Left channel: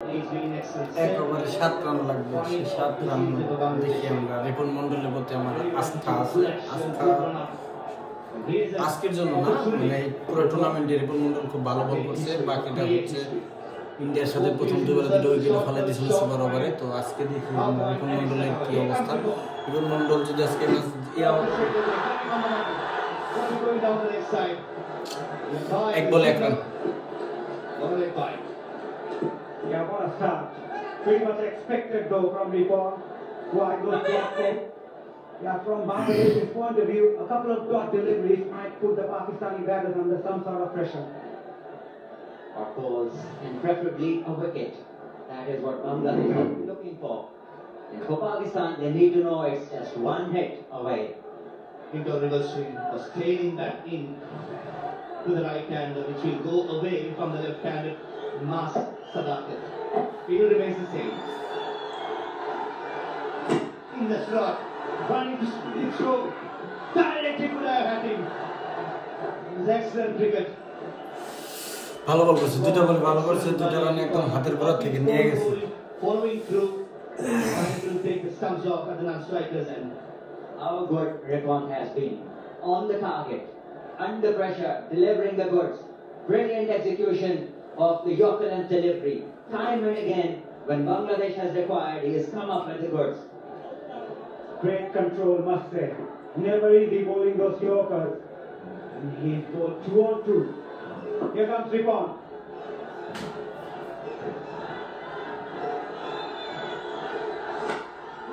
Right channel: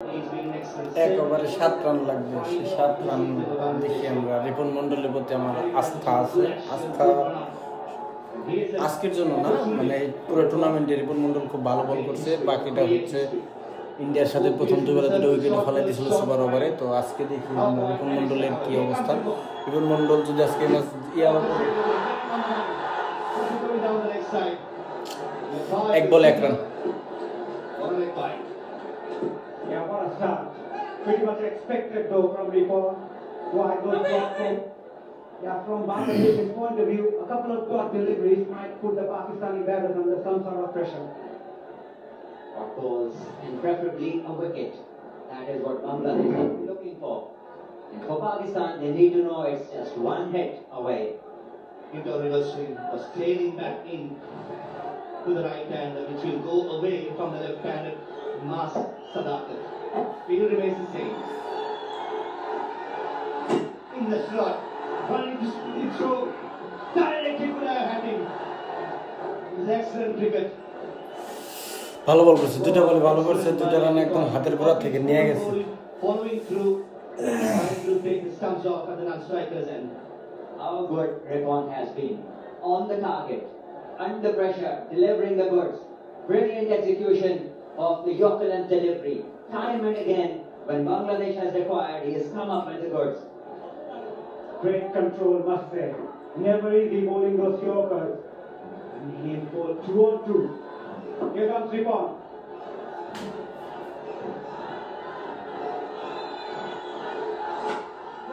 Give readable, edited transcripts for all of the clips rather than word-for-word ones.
এক ওভারে 7 রান লাগবে, 7 রান দেখি আমরা। রিপন মন্ডলের প্রতি আমার আস্থা আছে। আস্থা আজকের জন্য না, মানে পুরো টুর্নামেন্টে রিপন মন্ডল খুব ভালো বল করছে। বাকিটা হচ্ছে ইন্ডিয়ার সাথে প্রথম দুবারে 2টা উইকেটে ফেলা দিয়েছিল সুপার ওভারে। তো আজকে দেখি রিপন মন্ডলের কি অবস্থা। রিপন মন্ডল যদি আজকে এক বল 1 run. Yeah, what a start. Pretty much expected though from Ripon. Wide goes blocked. Yeah, from Bangladesh's point of view, a couple of dot deliveries might put the Pakistani batters under some sort of pressure. Of course, and preferably a wicket. That is what Bangladesh is looking for. And for Pakistan, they need to know it's just one hit away. Into a reverse swing, was trailing back in to the right hander, which will go away from the left-handed Mas Sadakat. It will remain the same. In the slot, running to throw, directly to the batting. It's excellent cricket. ভালো বল করছে, 2টা বলে ভালো করছে, 2টা run একদম হাতের গোড়া থেকে নিয়ে গেছে। Following through, trying to take the stumps off at the non-strikers and How good Ripon has been. On the target, under pressure, delivering the goods. Brilliant execution of the Yorker and delivery. Time and again, when Bangladesh has required, he has come up with the goods. Great control, must say. Never easy bowling those Yorkers. And he's bowled 2 on 2. Here comes Ripon.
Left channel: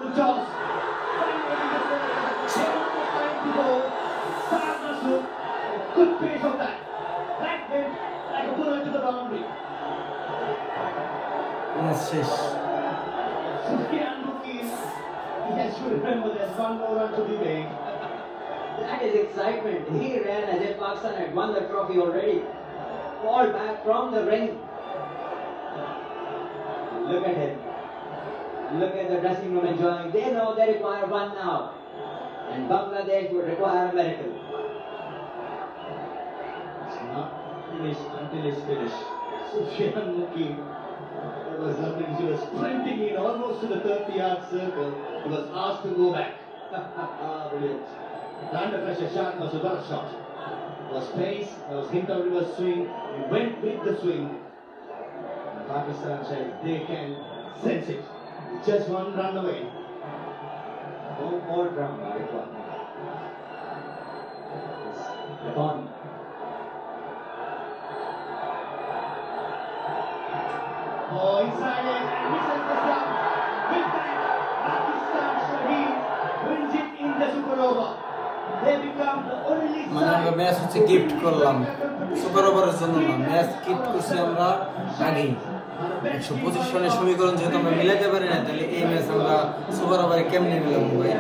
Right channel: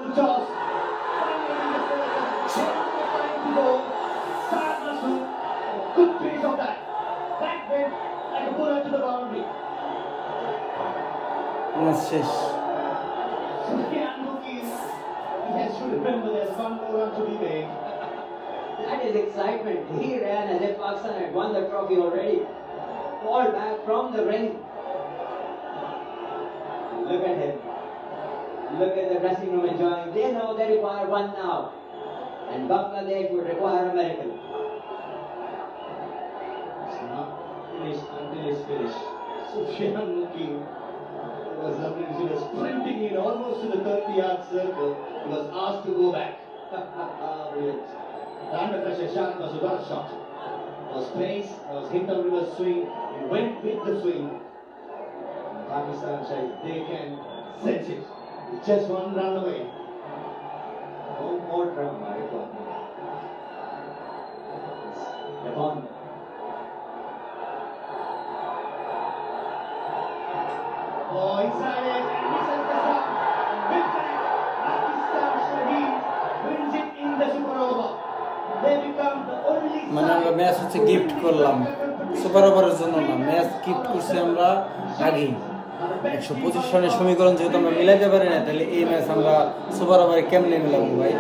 full toss. Good pace of that. That went like a bullet to the boundary. শেষ। Sufyan Mukim, he has to remember there's one more run to be made. That is excitement. He ran as if Pakistan had won the trophy already. Ball back from the ring. Look at him. Look at the dressing room enjoying. They know they require one now. And Bangladesh would require a miracle. It's not finished until it's finished. Sufyan Mukim was lovely. He was sprinting in almost to the 30-yard circle. He was asked to go back. Brilliant. The under pressure shot was a bad shot. There was pace, there was hint of reverse swing. He went with the swing. Pakistan says they can sense it. It's just one run away. No more drama, Ripon. Ripon. Oh, inside it, and misses the sub. Big time. Pakistan Shaheen wins it in the super over. They become the only মানে আমরা match হচ্ছে gift করলাম, super ওভারের জন্য না, match gift করছি আমরা আগেই। 125 রানের সমীকরণ যেহেতু আমরা মিলাতে পারি না, তাহলে এই ম্যাচ আমরা সুপার ওভারে কেমনে মিলাবো ভাই?